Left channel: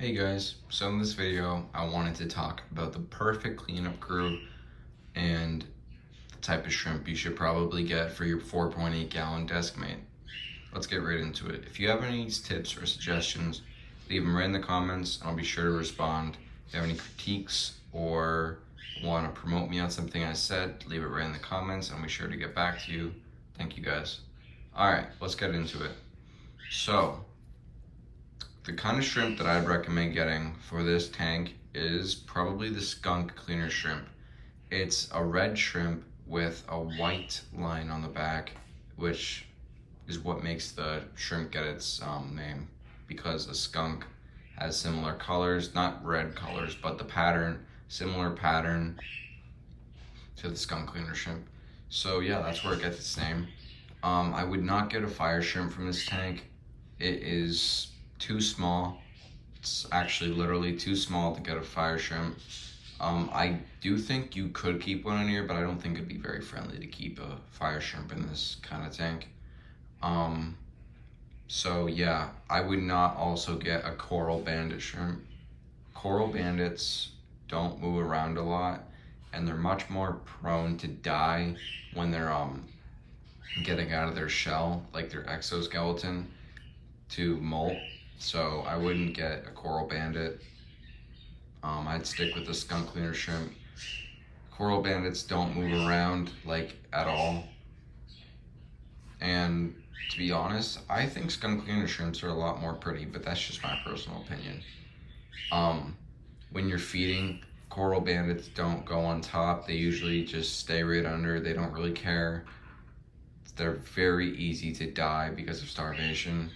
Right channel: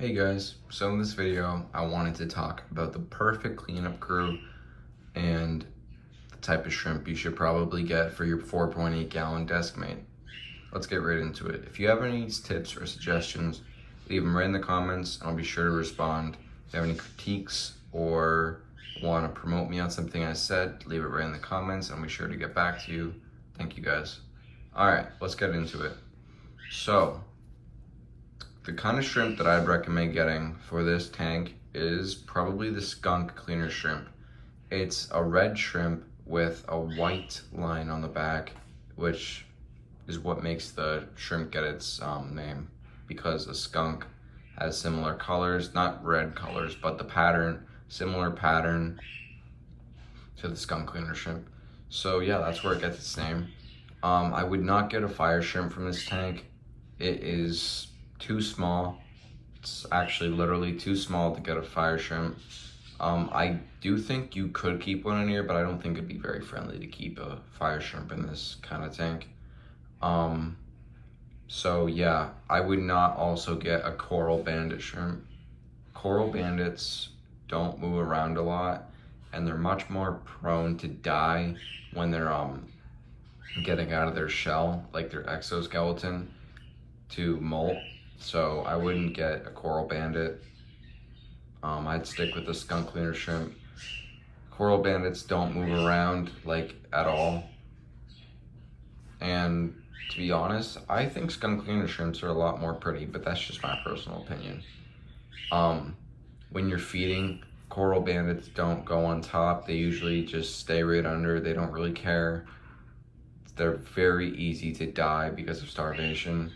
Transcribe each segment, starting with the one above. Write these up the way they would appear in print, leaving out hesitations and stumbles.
Hey guys, so in this video I wanted to talk about the perfect cleanup crew and the type of shrimp you should probably get for your 4.8 gallon deskmate. Let's get right into it. If you have any tips or suggestions, leave them right in the comments and I'll be sure to respond. If you have any critiques or want to promote me on something I said, leave it right in the comments and I'll be sure to get back to you. Thank you guys. Alright, let's get into it. So, the kind of shrimp that I'd recommend getting for this tank is probably the skunk cleaner shrimp. It's a red shrimp with a white line on the back, which is what makes the shrimp get its name, because the skunk has similar colors, not red colors, but the pattern, similar pattern to the skunk cleaner shrimp. So yeah, that's where it gets its name. I would not get a fire shrimp from this tank. It is too small. It's actually literally too small to get a fire shrimp. I do think you could keep one in here, but I don't think it'd be very friendly to keep a fire shrimp in this kind of tank. So yeah, I would not also get a coral bandit shrimp. Coral bandits don't move around a lot, and they're much more prone to die when they're getting out of their shell, like their exoskeleton, to molt. So I wouldn't get a coral bandit. I'd stick with the skunk cleaner shrimp. Coral bandits don't move around like at all. And to be honest, I think skunk cleaner shrimps are a lot more pretty, but that's just my personal opinion. When you're feeding, coral bandits don't go on top. They usually just stay right under. They don't really care. They're very easy to die because of starvation.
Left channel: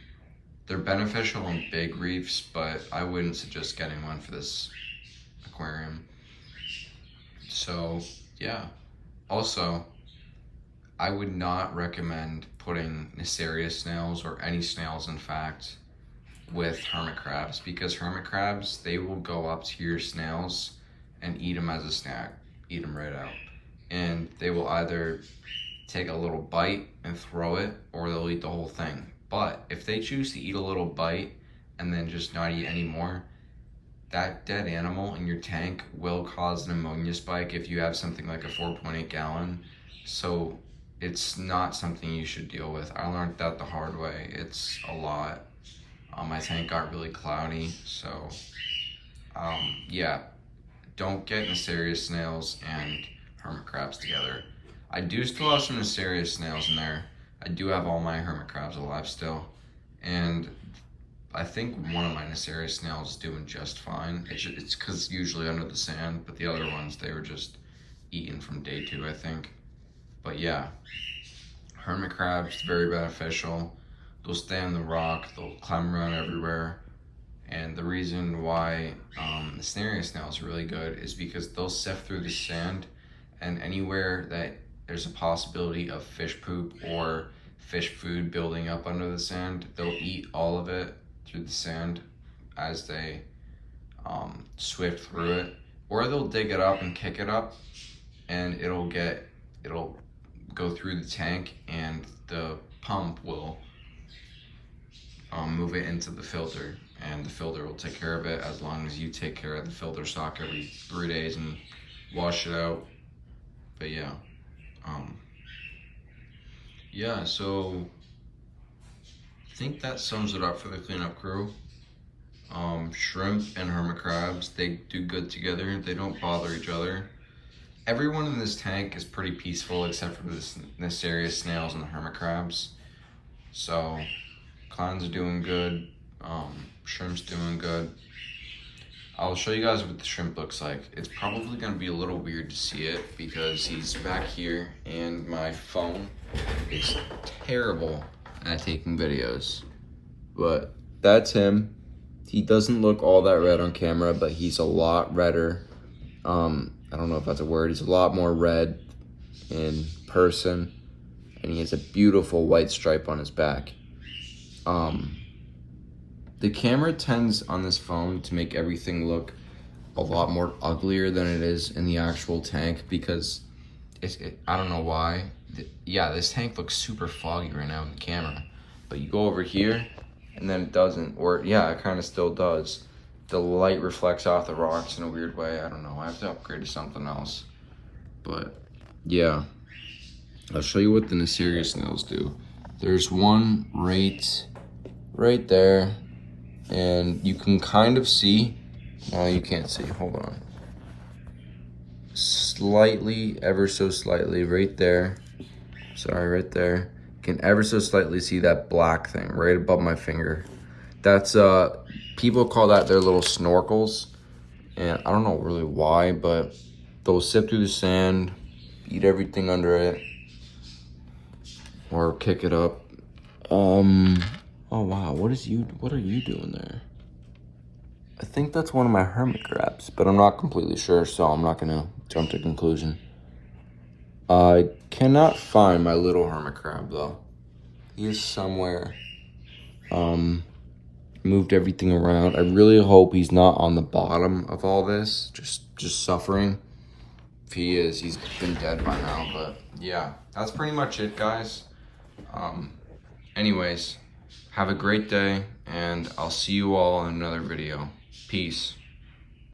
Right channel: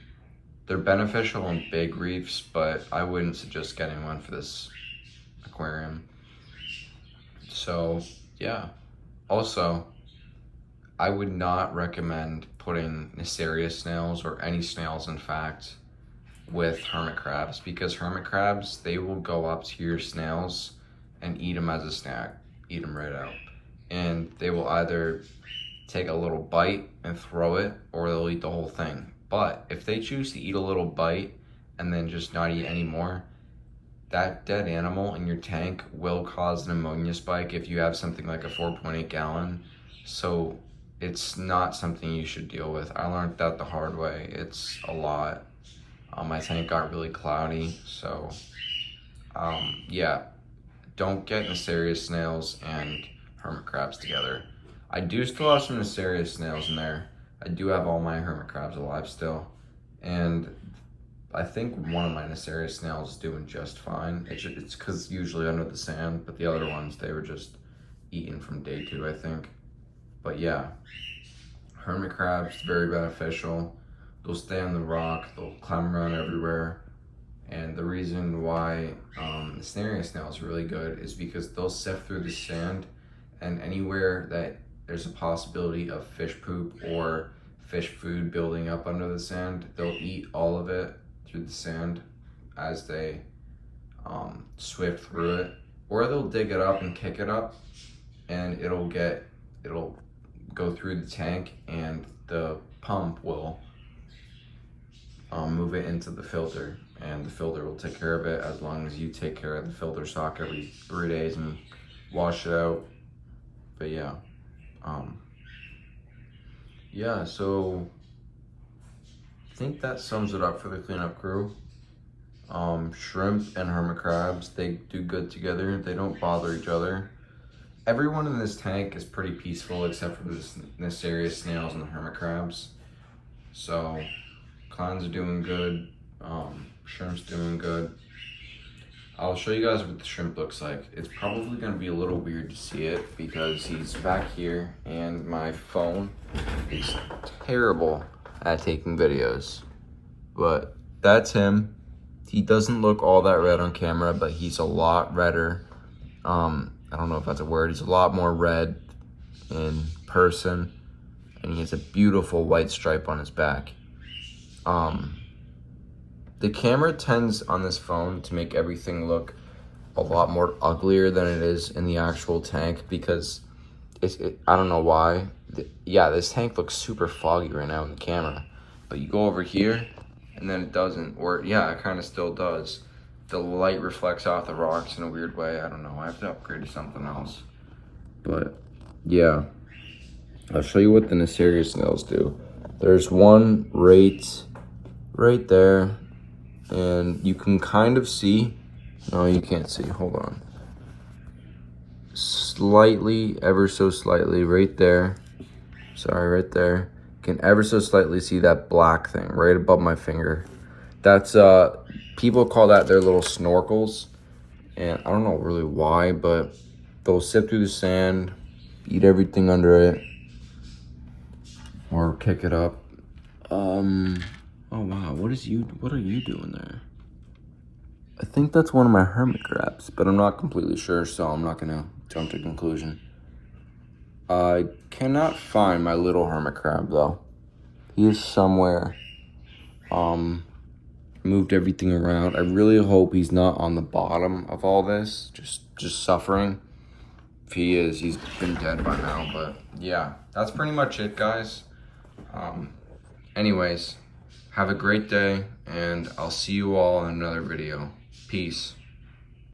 They're beneficial in big reefs, but I wouldn't suggest getting one for this aquarium. So yeah, also I would not recommend putting Nacerius snails, or any snails in fact, with hermit crabs, because hermit crabs, they will go up to your snails and eat them as a snack, eat them right out. And they will either take a little bite and throw it, or they'll eat the whole thing. But if they choose to eat a little bite and then just not eat anymore, that dead animal in your tank will cause an ammonia spike if you have something like a 4.8 gallon. So it's not something you should deal with. I learned that the hard way. It's a lot. My tank got really cloudy, so yeah, don't get Nacerius snails and hermit crabs together. I do still have some Nacerius snails in there. I do have all my hermit crabs alive still, and I think one of my Nacerius snails is doing just fine. It's because usually under the sand, but the other ones, they were just eaten from day 2, I think. But yeah, hermit crabs, very beneficial. They'll stay on the rock, they'll climb around everywhere. And the reason why Nacerius snails are really good is because they'll sift through the sand, and anywhere that there's a possibility of fish poop or fish food building up under the sand, they'll eat all of it through the sand as they swift through it. Or they'll dig it up and kick it up, and it'll go through the tank, and the pump will move it into the filter, and the filter will take care of it as long as you take care of the filter sock every 3 days and wash it out. But yeah. Yeah, so I think that sums it up for the cleanup crew. Shrimp and hermit crabs, they do good together. They don't bother each other. Everyone in this tank is pretty peaceful except for the Nacerius snails and the hermit crabs. So clans are doing good. Shrimp's doing good. I'll show you guys what the shrimp looks like. It's probably gonna be a little weird to see it because he's back here and my phone is terrible at taking videos. But that's him. He doesn't look all that red on camera, but he's a lot redder. I don't know if that's a word. He's a lot more red in person, and he has a beautiful white stripe on his back. The camera tends on this phone to make everything look a lot more uglier than it is in the actual tank because I don't know why. Yeah, this tank looks super foggy right now in the camera, but you go over here and then it doesn't, or yeah, it kind of still does. the light reflects off the rocks in a weird way. I don't know. I have to upgrade to something else. But yeah, I'll show you what the Neisseria snails do. There's one right there, and you can kind of see. No, you can't see. Hold on. Slightly, ever so slightly, right there. Sorry, right there. You can ever so slightly see that black thing right above my finger. That's people call that their little snorkels, and I don't know really why, but they'll sift through the sand, eat everything under it, or kick it up. Oh wow, what are you doing there? I think that's one of my hermit crabs, but I'm not completely sure, so I'm not gonna jump to conclusion. I cannot find my little hermit crab though. He is somewhere. Moved everything around. I really hope he's not on the bottom of all this, just suffering. If he is, he's been dead by now. But yeah, that's pretty much it, guys. Anyways, have a great day, and I'll see you all in another video. Peace.